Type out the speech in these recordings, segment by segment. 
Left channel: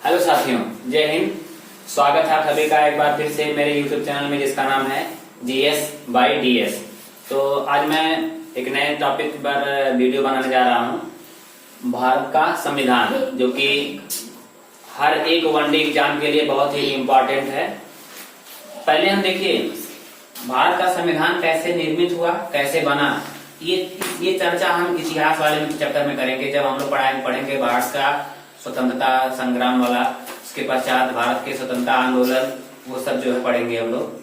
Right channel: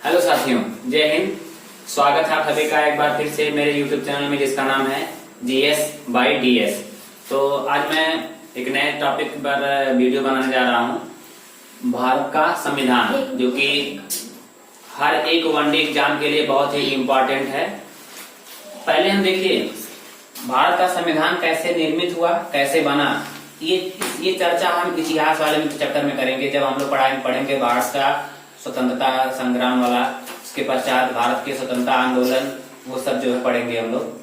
Hello साथियों, जय हिंद। स्वागत है आप सभी का एक बार फिर से मेरे YouTube चैनल में, जिसका नाम है GS by DS। तो आज मैं एक नए टॉपिक पर वीडियो बनाने जा रहा हूं। भारत का संविधान, जो कि हर एक वनडे एग्जाम के लिए बहुत ही इम्पोर्टेंट है। पहले हम देखिए भारत का संविधान कैसे निर्मित हुआ, कैसे बना। ये चर्चा हम इतिहास वाले चैप्टर में करेंगे, जब हम लोग पढ़ेंगे भारत का स्वतंत्रता संग्राम वाला। उसके पश्चात भारत के स्वतंत्रता आंदोलन, वो सब जो है पढ़ेंगे हम लोग।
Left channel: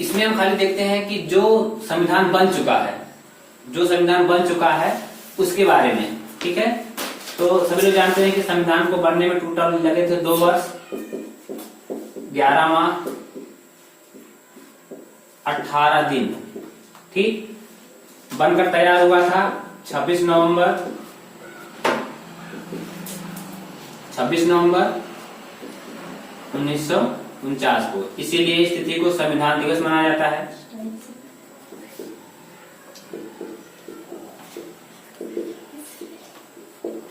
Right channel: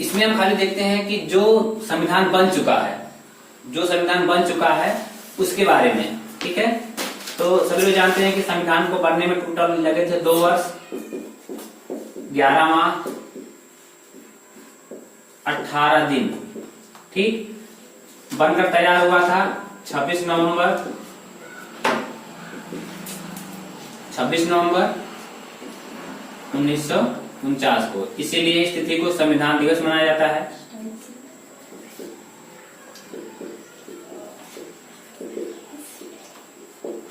इसमें हम खाली देखते हैं कि जो संविधान बन चुका है उसके बारे में, ठीक है। तो सभी लोग जानते हैं कि संविधान को बनने में टोटल लगे थे 2 वर्ष, 11 माह, 18 दिन, ठीक। बनकर तैयार हुआ था 26 नवंबर 1949 को। इसीलिए इस तिथि को संविधान दिवस मनाया जाता है।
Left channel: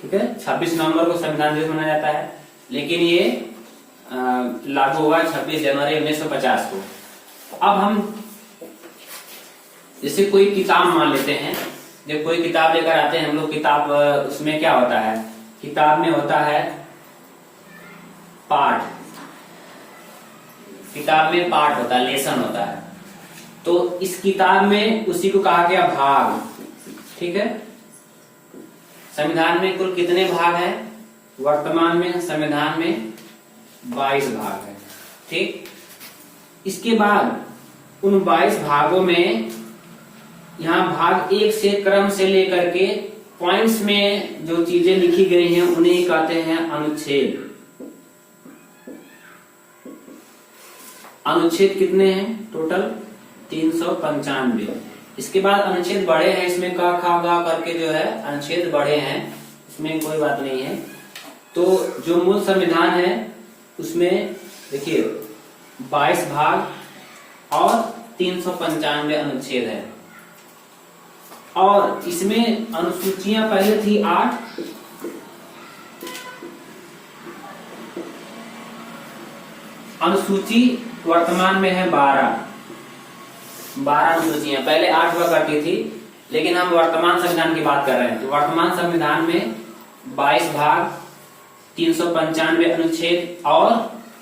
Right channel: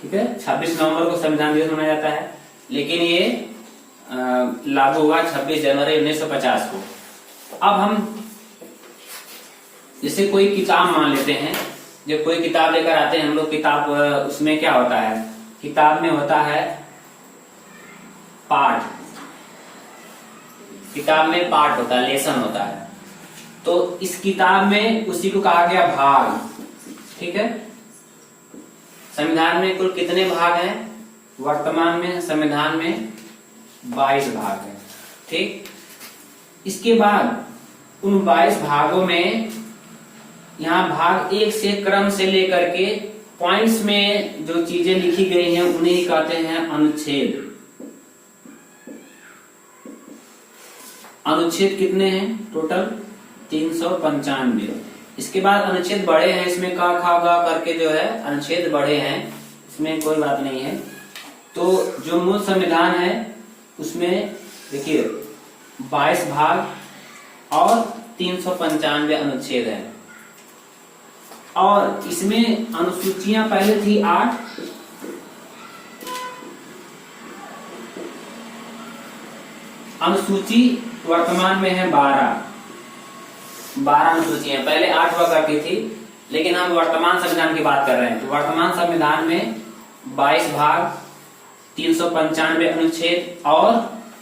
ठीक है, 26 नवंबर को संविधान दिवस मनाया जाता है, लेकिन ये लागू हुआ 26 जनवरी 1950 को। अब हम जैसे कोई किताब मान लेते हैं, जब कोई किताब लेकर आते हैं हम लोग, किताब उसमें क्या होता है, किताब में होता है पाठ, किताब में पाठ होता है, लेसन होता है। तो इस किताब में उसी को कहा गया भाग, ठीक है। संविधान में कुल कितने भाग हैं? वर्तमान में संविधान में 22 भाग है, ठीक। इसके बाद उन 22 भागों में यहाँ भाग 1 से क्रम से लेकर के पॉइंट्स में जो चीजें लिखी गई हैं उन्हें कहते हैं अनुच्छेद। अनुच्छेद कितने हैं? टोटल 395। इसके बाद अनुच्छेद बढ़े हैं, इसमें का खा गा करके जो है अनुच्छेद बढ़े हैं, इसमें कोई बात नहीं है। तो जो मूल संविधान है उसमें देखिए 22 भाग और 395 अनुच्छेद है। और इसमें अनुसूचियां पहले थी 8, अनुसूची वर्तमान में है 12 अनुसूचियां। पहले 8 हुआ करती थी, लेकिन हम वर्तमान संविधान की बात कर रहे हैं। तो वर्तमान संविधान में 22 भाग, 395 अनुच्छेद और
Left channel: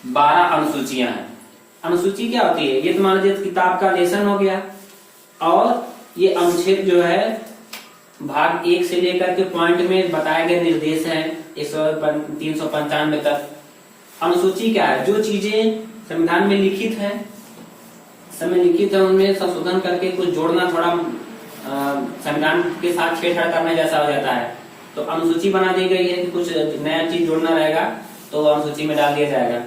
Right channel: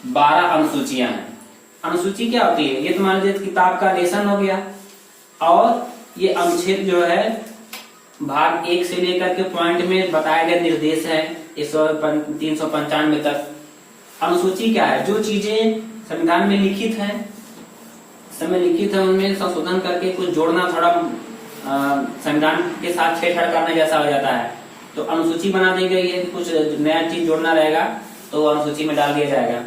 12 अनुसूचियां हैं। अनुसूची क्या होती है? ये तो मान लीजिए किताब का लेसन हो गया, और ये अनुच्छेद जो है भाग 1 से लेकर के पॉइंट में बताए गए निर्देश है 395 तक। अनुसूची क्या है? जो चीजें संविधान में लिखित है, उनमें संशोधन करके कुछ जोड़ना, थोड़ा संविधान के साथ छेड़छाड़ करने जैसा हो जाता है, तो अनुसूची बना दी गई है कि कुछ नया चीज जोड़ना रहेगा तो अनुसूची में डाल दिया जाएगा।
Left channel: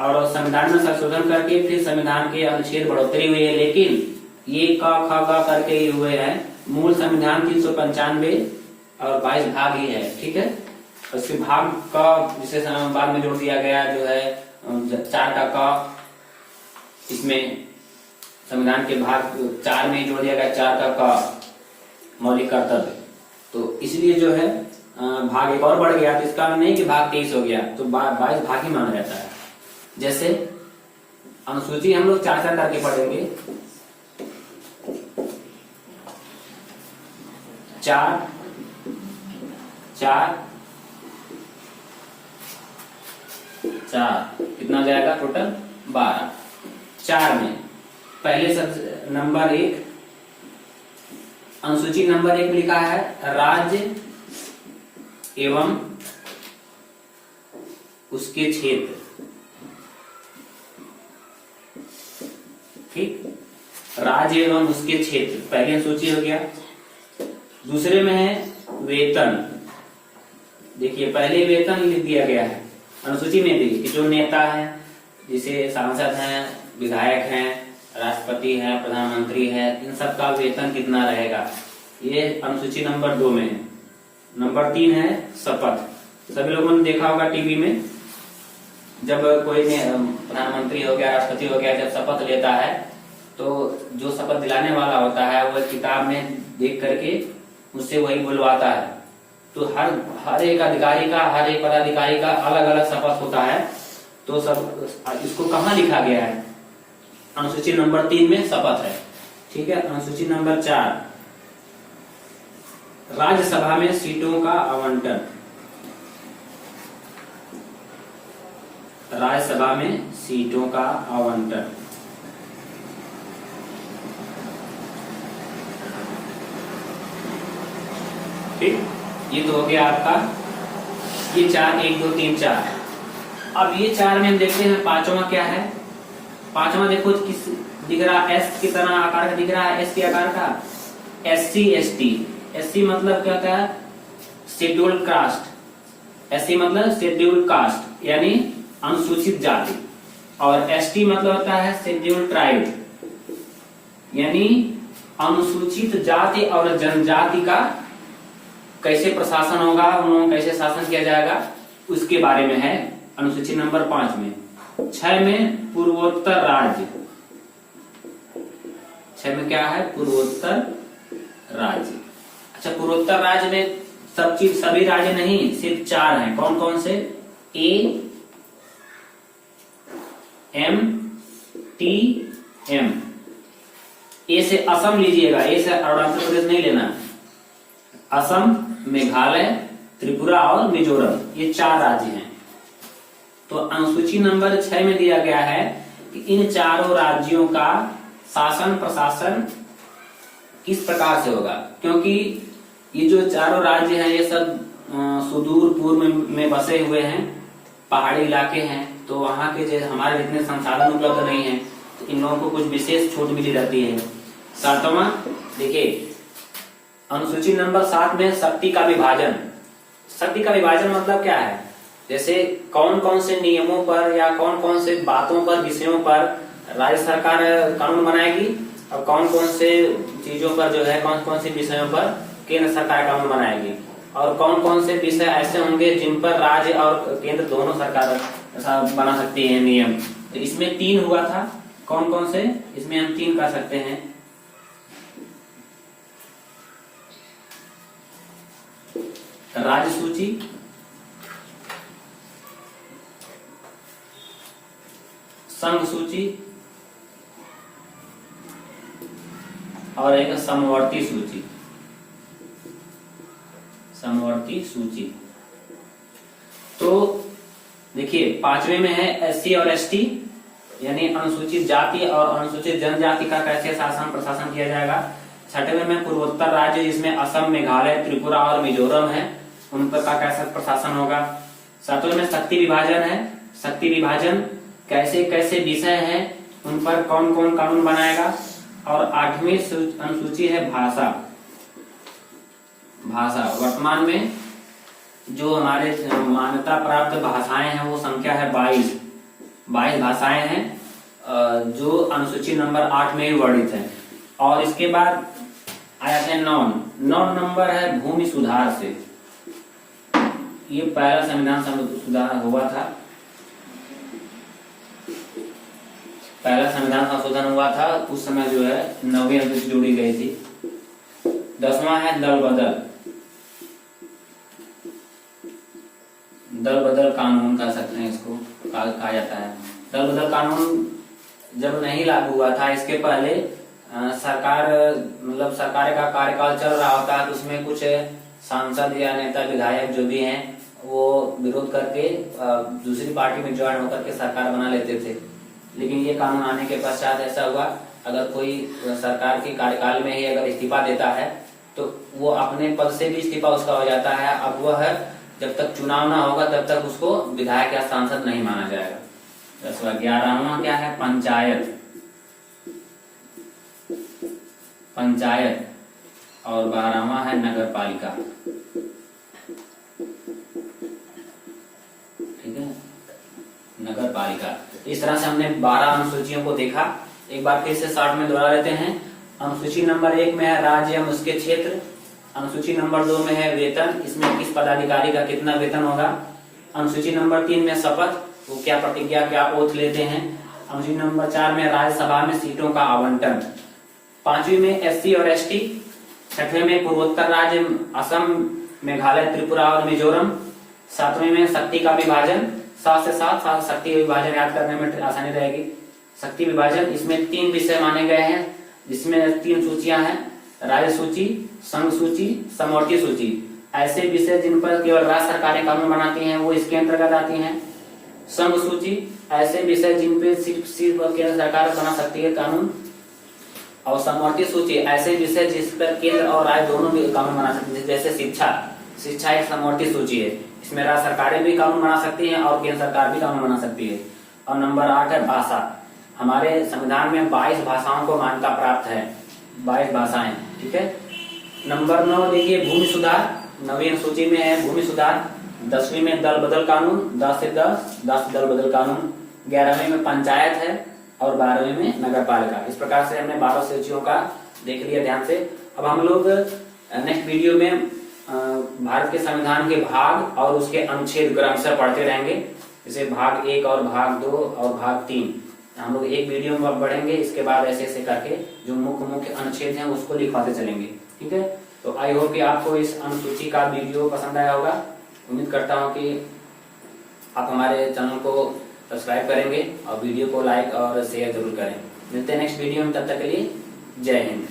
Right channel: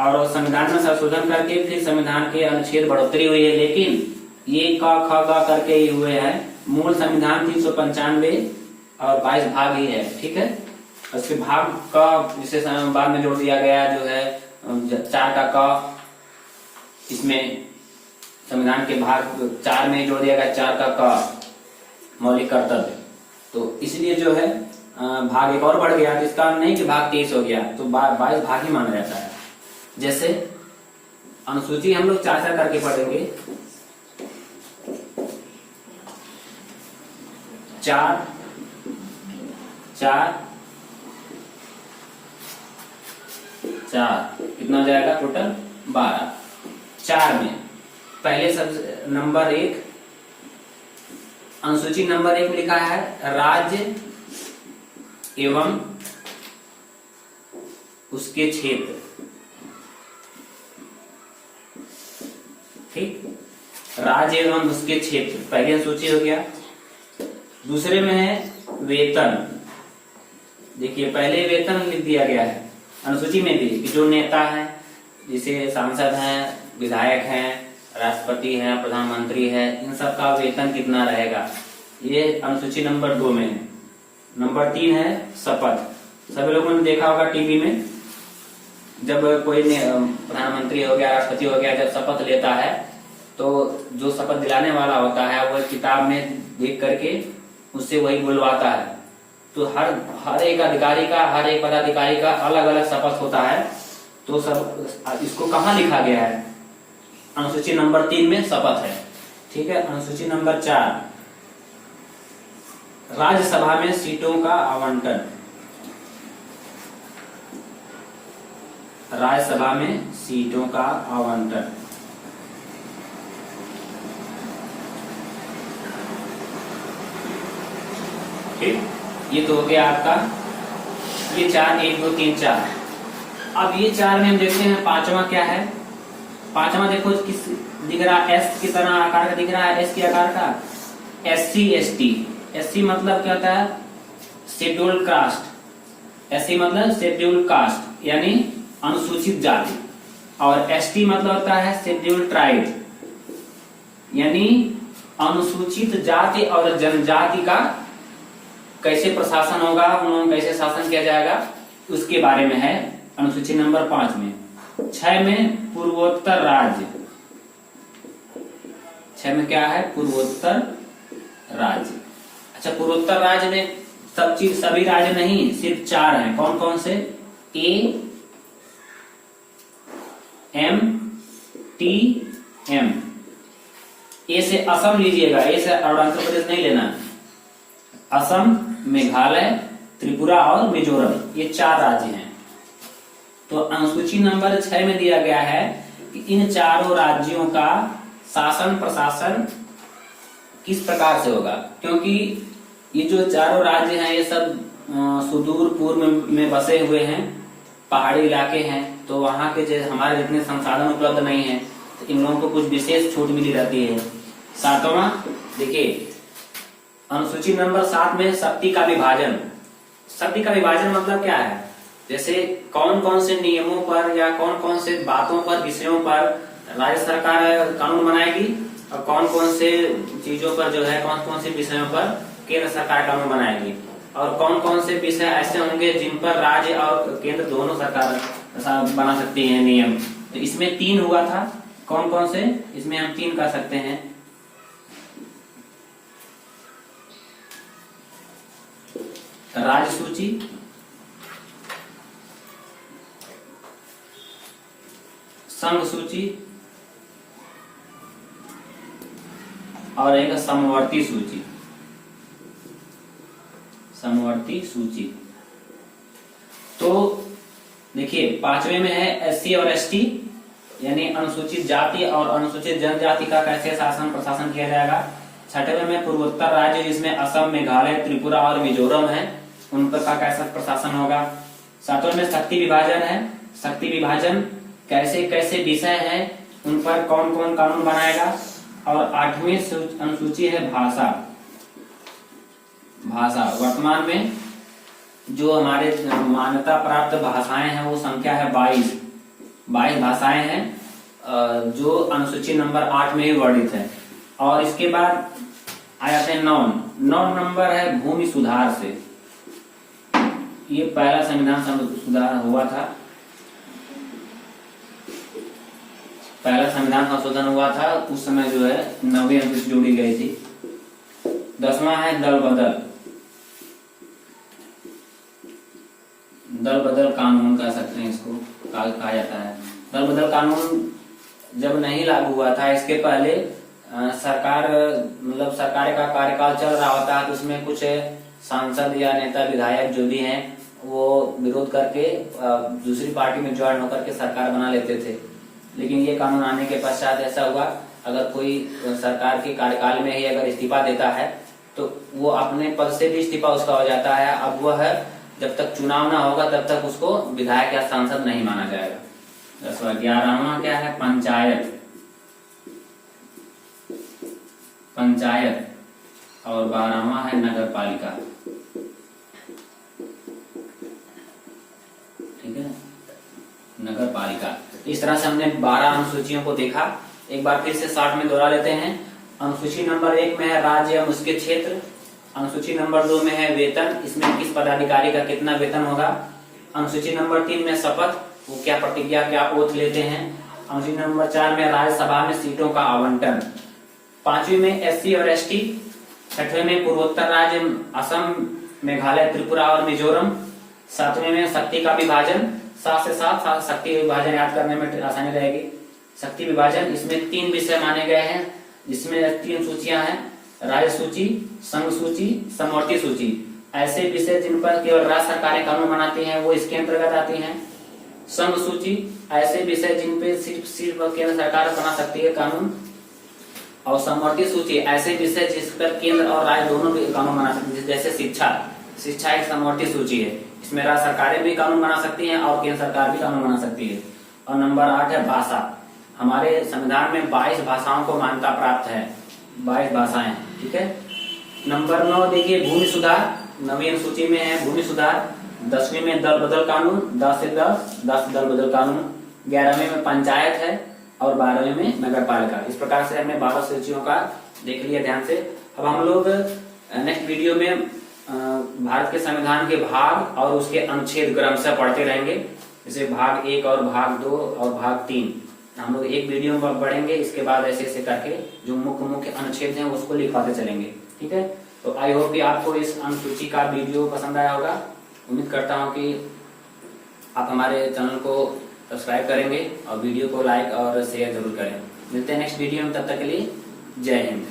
और संविधान में संशोधन करके फिर संविधान के अनुच्छेद बढ़ोतरी हुई है, लेकिन ये क ख ग करके ही हुए हैं। मूल संविधान 395 और 22 भाग ही है, ठीक है। उसके भाग का विशेष बाद में जोड़ दिया गया, जो है 4 का क, इसमें संविधान के भाग 4 में जोड़ दिया गया 4 का क, मौलिक कर्तव्य। तो इसलिए जो है भाग एक और बढ़ गया। तो इसका नहीं कि भाग 23 हो गया, तो 22 भाग ही माना जाता है। जैसे अनुसूची हम लोग 4 करके पढ़ेंगे। 4 कितना हो जाएगा? टोटल 12। 4 में पहले सब नंबर 1, अनुसूची नंबर 1 लिखा है राज्य एवं उसके क्षेत्र, ठीक। राज्य एवं उसके क्षेत्र पहली अनुसूची हो गया। दूसरे में है वेतन। देखिए पहले वेतन लिख दिया गया है अनुसूची में भी, कि जो नेता है, जैसे सांसद हैं, विधायक हैं, राष्ट्रपति है, प्रधानमंत्री है, इन सब का वेतन कितना रहेगा, ये अनुसूची नंबर 2 में है। नंबर 3 है शपथ। सभी लोगों ने देखा होगा टीवी में, जब कोई प्रधानमंत्री हो गया, राष्ट्रपति हो गया, जब शपथ लेता है तो जो शपथ दिलाने वाला होता है वो किताब में देख करके उससे वही बुलवाता है तो हर एक अधिकारी का, हर एक पदाधिकारी का अलग अलग शपथ होता है। तो सब इसको कहाँ लिखा गया है? अनुसूची नंबर 3 में शपथ है। ठीक है। अनुसूची नंबर 4, राज्यसभा में सीटों का आवंटन। राज्यसभा में सीटों का आवंटन। ठीक, ये तो हो गया आपका ये 4, 1 2 3 4। अब ये 4 में हम देखते हैं पांचवा क्या है। पांचवा देखो किस दिख रहा है, एस की तरह आकार का दिख रहा है, एस के आकार का। SC ST। SC मतलब क्या होता है? Scheduled caste. SC मतलब शेड्यूल्ड कास्ट यानी अनुसूचित जाति, और ST मतलब होता है शेड्यूल्ड ट्राइब यानी अनुसूचित जाति और जनजाति का कैसे प्रशासन होगा, उन्होंने कैसे शासन किया जाएगा, उसके बारे में है अनुसूची नंबर 5 में। 6 में पूर्वोत्तर राज्य। 6 में क्या है? पूर्वोत्तर राज्य। अच्छा, पूर्वोत्तर राज्य में सभी राज्य नहीं, सिर्फ 4 हैं। कौन कौन से? A M T M। ए से असम लीजिएगा, ए से अरुणाचल प्रदेश नहीं लेना। असम, मेघालय, त्रिपुरा और मिजोरम, ये 4 राज्य हैं। तो अनुसूची नंबर 6 में दिया गया है कि इन चारों राज्यों का शासन प्रशासन किस प्रकार से होगा, क्योंकि ये जो चारों राज्य हैं ये सब सुदूर पूर्व में बसे हुए हैं, पहाड़ी इलाके हैं, तो वहां के जो हमारे जितने संसाधन उपलब्ध नहीं है, तो इन लोगों को कुछ विशेष छूट मिली रहती है। 7वां देखिए, अनुसूची नंबर 7 में शक्ति का विभाजन। शक्ति का विभाजन मतलब क्या है? जैसे कौन कौन से नियमों पर या कौन कौन से बातों पर, विषयों पर राज्य सरकार कानून बनाएगी, और कौन कौन से चीजों पर जो है, कौन कौन से विषयों पर केंद्र सरकार कानून बनाएगी, और कौन कौन से विषय ऐसे होंगे जिन पर राज्य और केंद्र दोनों सरकार बना सकती है नियम। तो इसमें 3 हुआ था। कौन कौन से? इसमें हम 3 कर सकते हैं। राज्य सूची, संघ सूची और एक समवर्ती सूची। समवर्ती सूची। तो देखिए 5वें में है SC और ST यानी अनुसूचित जाति और अनुसूचित जनजाति का कैसे शासन प्रशासन किया जाएगा। 6वें में पूर्वोत्तर राज्य जिसमें असम, मेघालय, त्रिपुरा और मिजोरम है, उन पर का कैसा प्रशासन होगा। 7वें में शक्ति विभाजन है। शक्ति विभाजन कैसे कैसे विषय है, उन पर कौन कौन कानून बनाएगा। और 8वीं अनुसूची है भाषा। भाषा वर्तमान में जो हमारे मान्यता प्राप्त भाषाएं हैं वो संख्या है 22 भाषाएं हैं जो अनुसूची नंबर 8 में वर्णित है। और इसके बाद आ जाते हैं 9 नंबर है भूमि सुधार से। ये पहला संविधान सुधार हुआ था, पहला संविधान संशोधन हुआ था, उस समय जो है 9वीं अनुसूची जोड़ी गई थी। 10वां है दल बदल। दल बदल कानून कह सकते हैं इसको, कहा जाता है। दल बदल कानून जब नहीं लागू हुआ था, इसके पहले सरकार मतलब सरकार का कार्यकाल चल रहा होता है, तो उसमें कुछ सांसद या नेता विधायक जो भी हैं वो विरोध करके दूसरी पार्टी में ज्वाइन होकर के सरकार बना लेते थे। लेकिन ये कानून आने के पश्चात ऐसा हुआ, अगर कोई सरकार के कार्यकाल में ही अगर इस्तीफा देता है तो वो अपने पद से भी इस्तीफा उसका हो जाता है। अब वह जब तक चुनाव ना होगा तब तक उसको विधायक या सांसद नहीं माना जाएगा। 11वां क्या है पंचायत। और 12वां है नगर पालिका। ठीक है, नगर पालिका। इस तरह से हमने 12 अनुसूचियों को देखा। एक बार फिर से शॉर्ट में दोहरा लेते हैं। अनुसूची नंबर 1 में है राज्य एवं उसके क्षेत्र। अनुसूची नंबर 2 में है वेतन, इसमें किस पदाधिकारी का कितना वेतन होगा। अनुसूची नंबर 3 में शपथ, वो क्या प्रतिज्ञा क्या ओथ लेते हैं। अनुसूची नंबर 4 में राज्यसभा में सीटों का आवंटन। 5वीं में SC और ST। 6वें में पूर्वोत्तर राज्य असम, मेघालय, त्रिपुरा और मिजोरम। 7वें में शक्ति का विभाजन, 7 से 7 शक्ति विभाजन याद करने में आसानी रहेगी। शक्ति विभाजन, इसमें 3 विषय माने गए हैं, जिसमें 3 सूचियां हैं, राज्य सूची, संघ सूची, समवर्ती सूची। ऐसे विषय जिन पर केवल राज्य सरकारें कानून बनाती हैं वो इसके अंतर्गत आती हैं। संघ सूची, ऐसे विषय जिन पे सिर्फ केंद्र सरकार बना सकती है कानून। और समवर्ती सूची, ऐसे विषय जिस पर केंद्र और राज्य दोनों भी कानून बना सकते हैं, जैसे शिक्षा एक समवर्ती सूची है, इसमें राज्य सरकारें भी कानून बना सकती हैं और केंद्र सरकार भी कानून बना सकती है। और नंबर 8 है भाषा। हमारे संविधान में 22 भाषाओं को मान्यता प्राप्त है, 22 भाषाएं, ठीक है। नंबर 9 देखिए भूमि सुधार, नवीन सूची में है भूमि सुधार। 10वीं में दल बदल कानून, 10 से 10 दल बदल कानून। 11वीं में पंचायत है और 12वीं में नगर पालिका। इस प्रकार से हमने 12 सूचियों का देख लिया ध्यान से। अब हम लोग नेक्स्ट वीडियो में भारत के संविधान के भाग और उसके अनुच्छेद क्रमशः पढ़ते रहेंगे, जैसे भाग 1 और भाग 2 और भाग 3। हम लोग एक वीडियो में बढ़ेंगे, इसके बाद ऐसे ऐसे करके जो मुख्य अनुच्छेद हैं उसको लिखवाते चलेंगे, ठीक है। तो आई होप कि आपको इस अनुसूची का वीडियो पसंद आया होगा। उम्मीद करता हूं कि आप हमारे चैनल को सब्सक्राइब करेंगे और वीडियो को लाइक और शेयर जरूर करें। मिलते हैं नेक्स्ट वीडियो में, तब तक के लिए जय हिंद।